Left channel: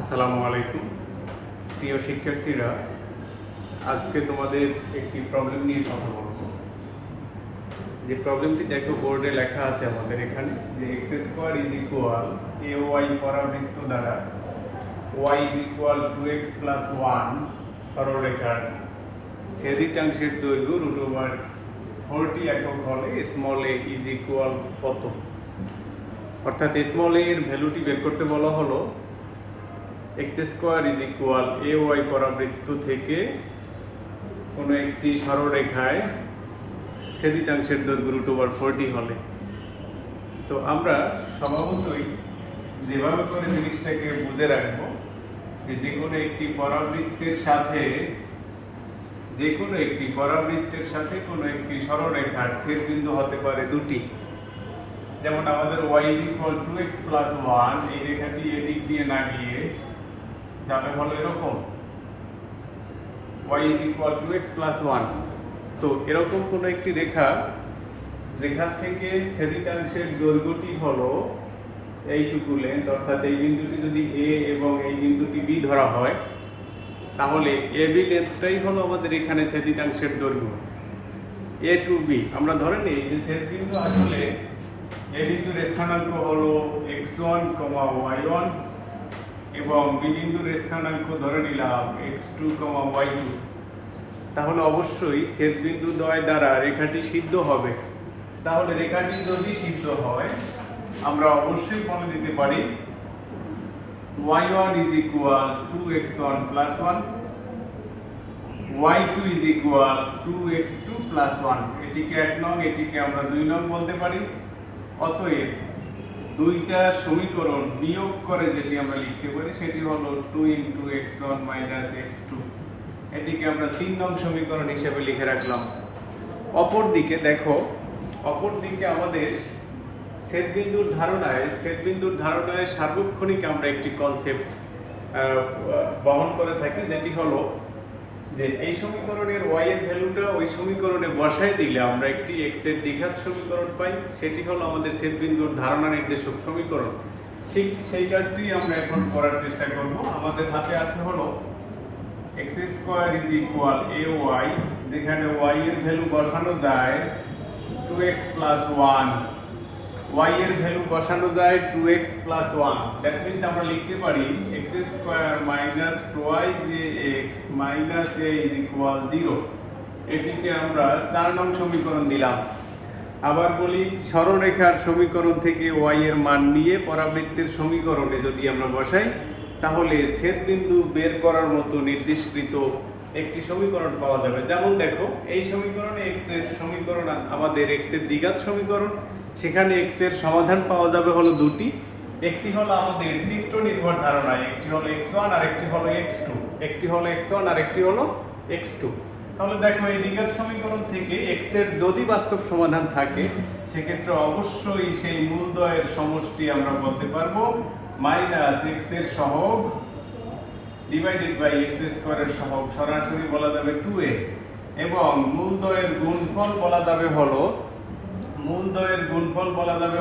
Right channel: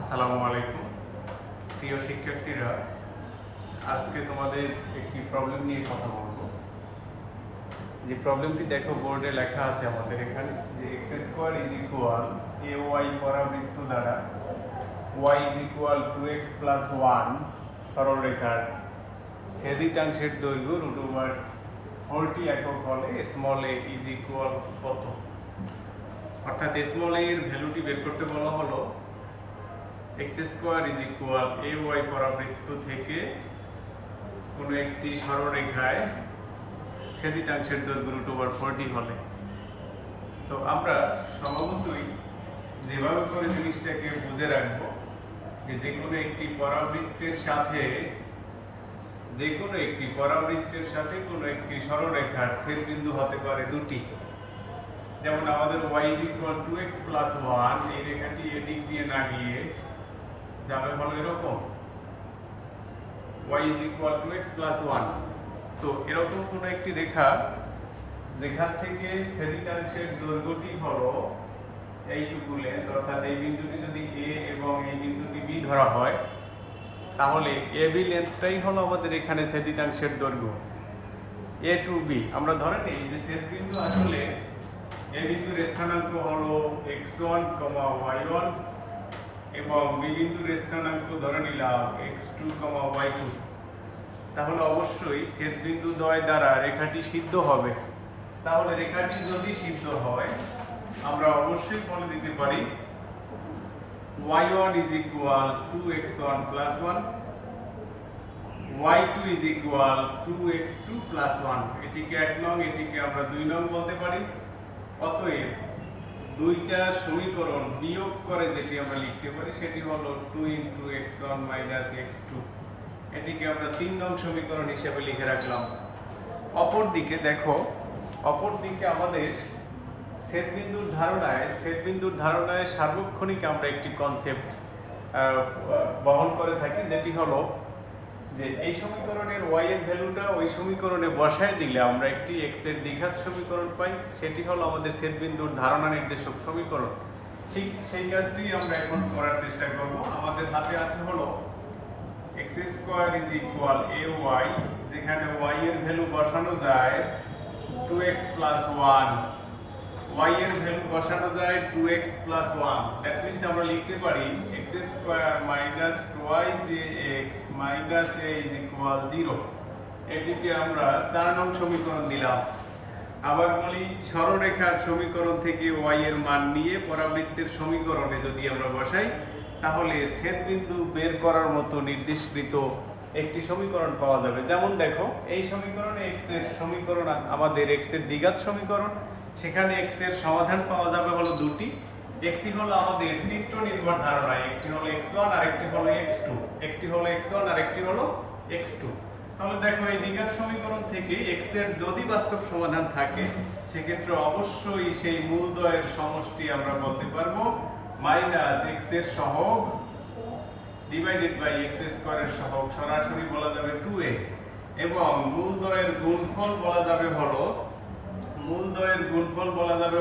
আসসালামু আলাইকুম প্রিয় শিক্ষার্থীরা, আজকে তোমাদের একটি প্রবলেম নিয়ে কথা বলবো। যে প্রবলেমটি দেখো বোর্ডে লেখা আছে আমাদের এখানে, যে x square is equal a y পরাবৃত্ত দ্বারা y is equal 2x plus 1 সরলরেখার ছেদিতাংশের দৈর্ঘ্য √40 একক হলে স্মল এ ইজ ইকুয়াল কত। অর্থাৎ স্মল এ এর ভ্যালুটি বের করতে বলা হলো x square is equal a y পরাবৃত্ত থেকে কোনো একটি সরলরেখায় ছেদিতাংশের দৈর্ঘ্য √40 হলে। তো আমরা স্বভাবতই যেভাবে করে জিনিসটাকে বুঝে রাখবো যে যে কোনো একটি পরাবৃত্তের সাথে কোনো একটি সরলরেখার ছেদবিন্দু হতে পারে দুটি। যেমন আমাদের y is equal 2x plus 1, এই রেখাটি এদিক দিয়ে না গিয়ে যাবে হলো এরকম, y is equal 2x plus 1। তো এরকম কোন একটি রেখা যেখান থেকে ছেদিতাংশের দৈর্ঘ্যটি হলো এইটুকু লেন্থ, অর্থাৎ এই বিন্দুটি যদি a এবং এই বিন্দুটি b ধরা হয়, তাহলে ab লেন্থটাই হলো আমাদের এখানে ছেদিতাংশের দৈর্ঘ্য a টু b। আমরা ধরে নিই যে ছেদবিন্দু আসলে a বিন্দুর স্থানাঙ্ক হলো x1, y1 এবং b বিন্দুর স্থানাঙ্ক ধরে নিলাম x2, y2। তাহলে অবশ্যই ছেদবিন্দু দ্বয় দ্বারা রেখাটি সিদ্ধ হবে। তাহলে রেখাটি যদি সিদ্ধ হয়, আমরা অবশ্যই বলে দিতে পারি y1 is equal 2x1 plus 1, y2 is equal 2x2 plus 1। এটিকে 1 নং, এটিকে আমরা 2 নং বলতে পারি। অতএব দুইটা সমীকরণ বিয়োগ করে যেটি আমরা লিখতে পারি সেটি হলো 2 into x1 minus x2। এটিকে আমরা 3 নং সমীকরণ হিসেবে লিখে রাখলাম। অপরদিকে দেখো, অপরদিকে আমাদের ছেদবিন্দুর ধারণায় সার্বক্ষণিক আমরা একটি কনসেপ্ট বহন করে থাকি, যেটি হলো যে এই সমীকরণের y এর ভ্যালুটা ওই সমীকরণে বসায় দিলে আমরা একটি x এর দ্বিঘাত সমীকরণ পাই, সেটি হলো আমাদের ছেদবিন্দুর ধারণা নির্দেশক সমীকরণ। ঠিক সেই কাজটি আমরা এখন করার চেষ্টা করব। আমাদের হাতে আছে হলো x square is equal ay, যেখানে y এর ভ্যালু বসানো যায় 2x প্লাস 1, y এর ভ্যালু বসানো যায় 2x প্লাস 1। দ্যাট মিন্স আমরা লিখতে পারি x square minus 2ax minus a is equal 0। এটিকে আমরা 4 নং সমীকরণ দিলাম। আবার বলি, সরলরেখার সমীকরণ থেকে y এর মান নিয়ে পরাবৃত্তের সমীকরণে যদি আমরা বসাই, তাহলে ছেদবিন্দু বের করার মতো নির্দিষ্টকৃত একটি সমীকরণ পাওয়া যাবে। যেমন দেখো, এই সমীকরণে x এর সমীকরণ আমাদের x এর দ্বিঘাত সমীকরণ, সেখানে x এর সমাধান পাওয়া যাবে হলো দুটি। একটি হলো আমাদের চিত্র নির্ভর ধারণায়, একটি হলো x1 আর একটি হলো x2, একটি হলো x1 আর একটি হলো x2। তাহলে দেখো, এই দ্বিঘাত সমীকরণ থেকে x এর যদি বাস্তব সমাধান থাকে, সেক্ষেত্রে অবশ্যই সেই মূলদ্বয়ের সমষ্টি আমরা বলতে পারবো মাইনাস x এর সহগ ডিভাইডেড বাই x স্কয়ারের সহগ, সরাসরি বলা যাবে 2a, এবং মূলদ্বয়ের গুণফল বলা যাবে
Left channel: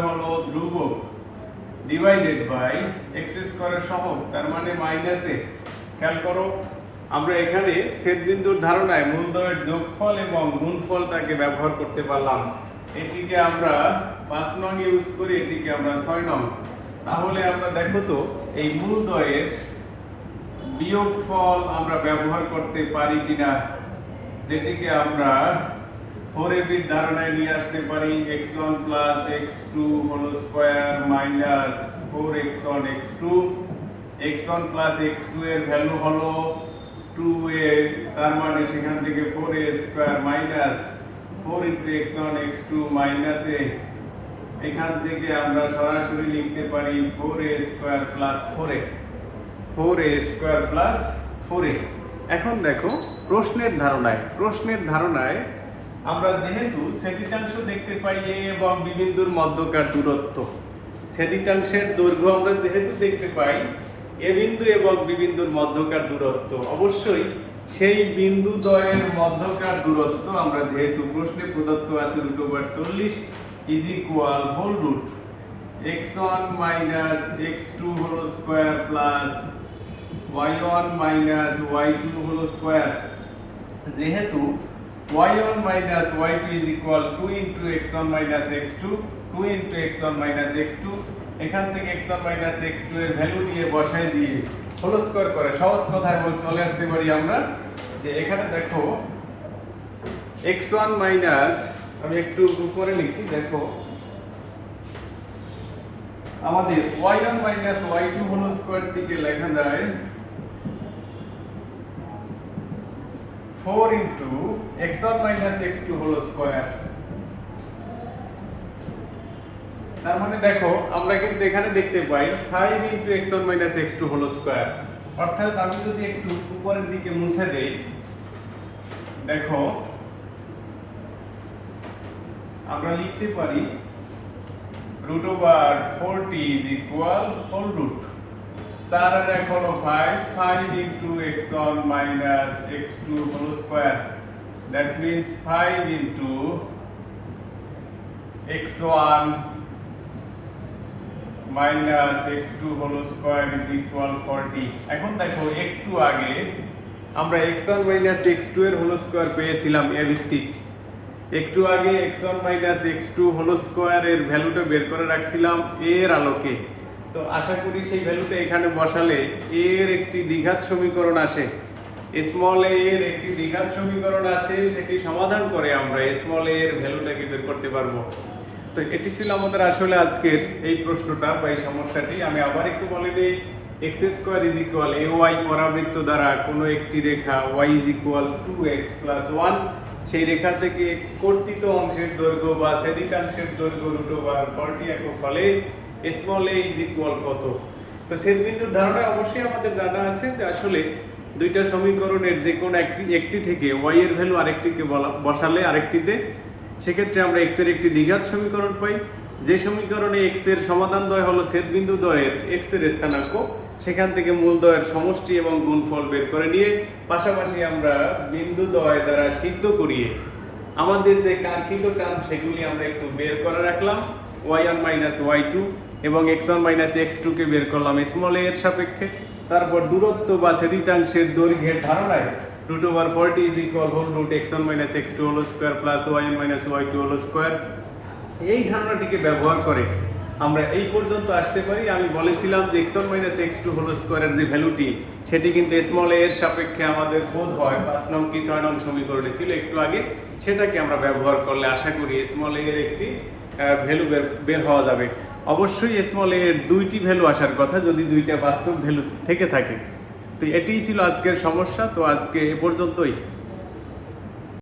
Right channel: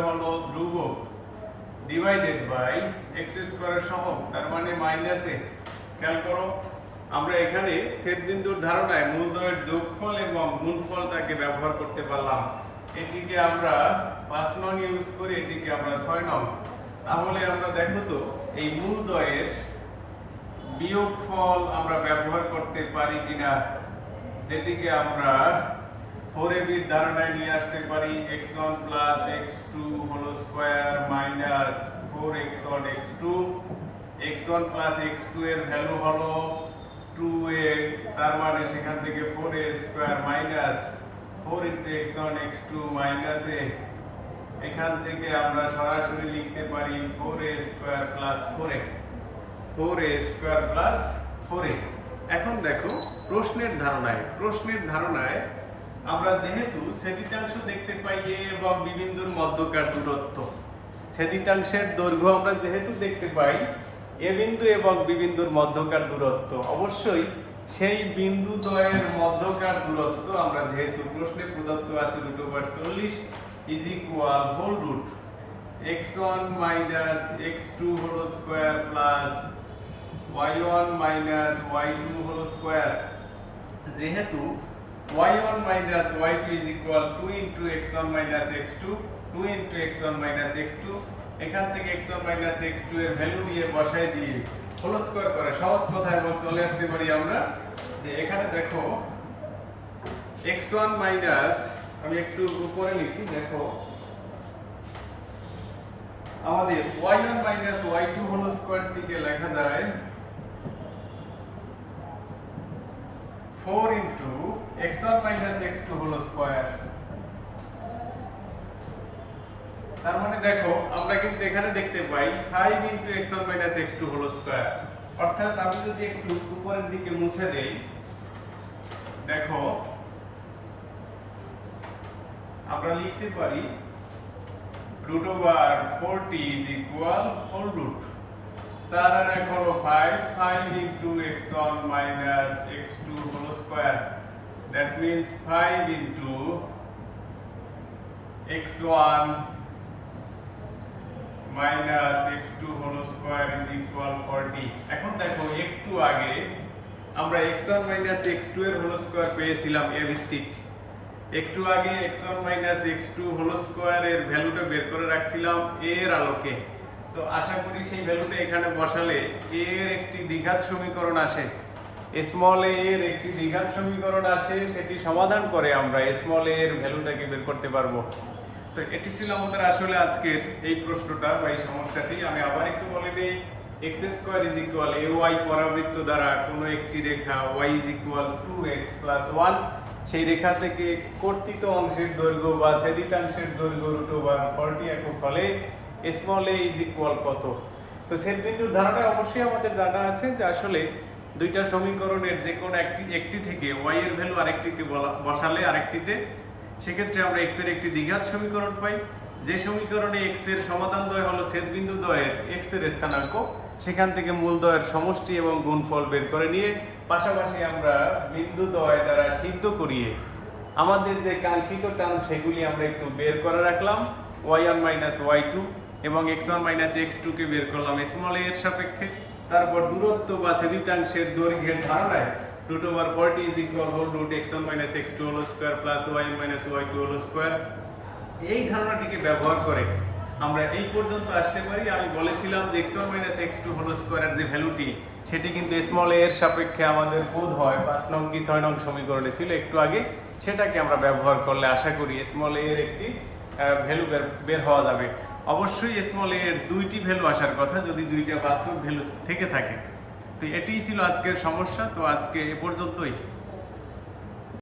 হলো ধ্রুবক ডিভাইডেড বাই x স্কয়ারের সহগ, তার মানে মাইনাস a। খেয়াল করো, আমরা এখানে ছেদবিন্দুর ধারণায় মূলদ্বয়ের যোগফল এবং গুণফলটাকে ব্যবহার করতে পারলাম। এটিকে আমরা 5 নং ইউজ করি, এটিকে আমরা 6 নং। তাহলে আমরা দেখো তো, এই মূলদ্বয়ের বিয়োগফল আমরা ব্যবহার করতে পারি কিনা, যেটিকে আমরা 4ab এর ধারণায় নিয়ে আসতে পারি x1 plus x2 whole square minus 4x1 x2। x1 plus x2 এর ভ্যালু হলো 2a, তার মানে সেখান থেকে 4a square minus 4 into x1 x2 minus a। এখান থেকে আমরা সরাসরি লিখতে পারি 4a স্কয়ার প্লাস 4a। এখন দেখো, প্রশ্নের ধারণায় আমরা যেহেতু ছেদিতাংশ দেখতে পাই a এবং b বিন্দুর মধ্যকার দূরত্ব, ছেদিতাংশের দৈর্ঘ্য আমরা যেহেতু দেখতে পাই a বিন্দু এবং b বিন্দুর মধ্যকার দূরত্ব, অবশ্যই সেই বিন্দু দ্বয়ের মধ্যকার দূরত্ব আমরা যেহেতু প্রশ্নে প্রদত্ত আছে √40 is equal whole root x1 minus x2 whole square plus y1 minus y2 whole square, যেহেতু y1 minus y2 is equal 2 into x1 minus x2, 2 into x1 minus x2, এখান থেকে x1 মাইনাস x2 এর value নিয়ে বসায় দিয়ে whole square করে সহজ কথায় বল চলে আসতে পারি আমরা যে এখানে দেখো x1 মাইনাস, আমি একটু উপরে লিখি, দেখো আমাদের y1 মাইনাস y2 হোল স্কয়ারটিকে লেখা যায় 4 into x1 minus x2 whole square. তার মানে দেখো আমরা কিন্তু এখানে দেখতে পাই 5 into x1 minus x2 whole square, অর্থাৎ আমি যদি একটু উপরের দিকে মুছে দেই, দেখো আমরা লিখতে পারি root over 40 is equal whole root 4 আর 1 হলো 5 into x1 minus x2 whole square, that means 5 into x1 minus x2 whole square is equal 40। এখন দেখো একটু আগে আমরা x1 minus x2 এর whole square পেয়েছিলাম a ভিত্তিক, একটু আগে x1 minus x2 whole square এর ভ্যালুটা বের করে রাখছিলাম এর আলোকে। তো আশা করি সেই ভ্যালুটা এখানে বসালে এর একটি দ্বিঘাত সমীকরণ আসে, স্মল a এর একটি দ্বিঘাত সমীকরণ আসে, সেটি সমাধান করে আমরা স্মল a এর ভ্যালুটাকে বের করতে পারবো। তো এটি ছিল আমাদের আসলে আজকের এই প্রশ্নটা বা এই সমস্যাটি। আমি আবার একটু বলে দেই, x square is equal ay পরাবৃত্ত দ্বারা কোনো একটি রেখা y is equal 2x plus 1, সেই রেখা থেকে কর্তিত অংশের দৈর্ঘ্য বা ছেদিতাংশের দৈর্ঘ্য রুট ওভার 40 একক হলে স্মল a ইজ ইকুয়াল কত। তো ছেদবিন্দুর ধারণা অবশ্যই আমাদের জানা আছে যে আসলে দুইটা সমীকরণের যে কোনো একটি থেকে y এর ভ্যালু আরেকটিকে বসালে আরেকটিতে, সেক্ষেত্রে আমরা x এর একটি দ্বিঘাত সমীকরণ পাই, যে সমীকরণে x এর সমাধান দ্বয় হলো ছেদবিন্দু দ্বয়ের x এর স্থানাঙ্ক, সেখান থেকে মূল দ্বয়ের সমষ্টি এবং গুণফল বের করে নিয়ে পাশাপাশি আমরা বিন্দু দ্বয় দ্বারা সিদ্ধ করিয়ে আমাদের যে কাঙ্ক্ষিত টার্ম সেগুলি আমরা একটু বের করে রাখলাম, y1 মাইনাস y2 এবং x1 মাইনাস x2 কে বের করলাম স্মল a এর সাপেক্ষে। তারপর দূরত্ব বা ছেদিতাংশের দৈর্ঘ্যের ধারণায় root over 40 is equal whole root x1 minus x2 whole square plus y1 minus y2 whole square, এই ধারণাটিকে ব্যবহার করে আমরা এই পর্যন্ত আসতে পারি। আমি বলেছিলাম যে x1 minus x2 whole square এর যে ভ্যালুটি সেটি কিন্তু স্মল a এর সাপেক্ষে আমাদের বোধ হয় 5 নং কি 6 নং সমীকরণে ছিল একটু আগে, সেটাকে আমরা ব্যবহার করলে আশা করি স্মল a এর একটি ভ্যালু বের হওয়া যাবে। অবশ্যই স্মল a এর দুইটি ভ্যালু আসার কথা যদি দুইটা বাস্তব ভ্যালু থেকে থাকে। তো এটিই ছিল আজকের সমস্যা। তো আজকে এ পর্যন্তই।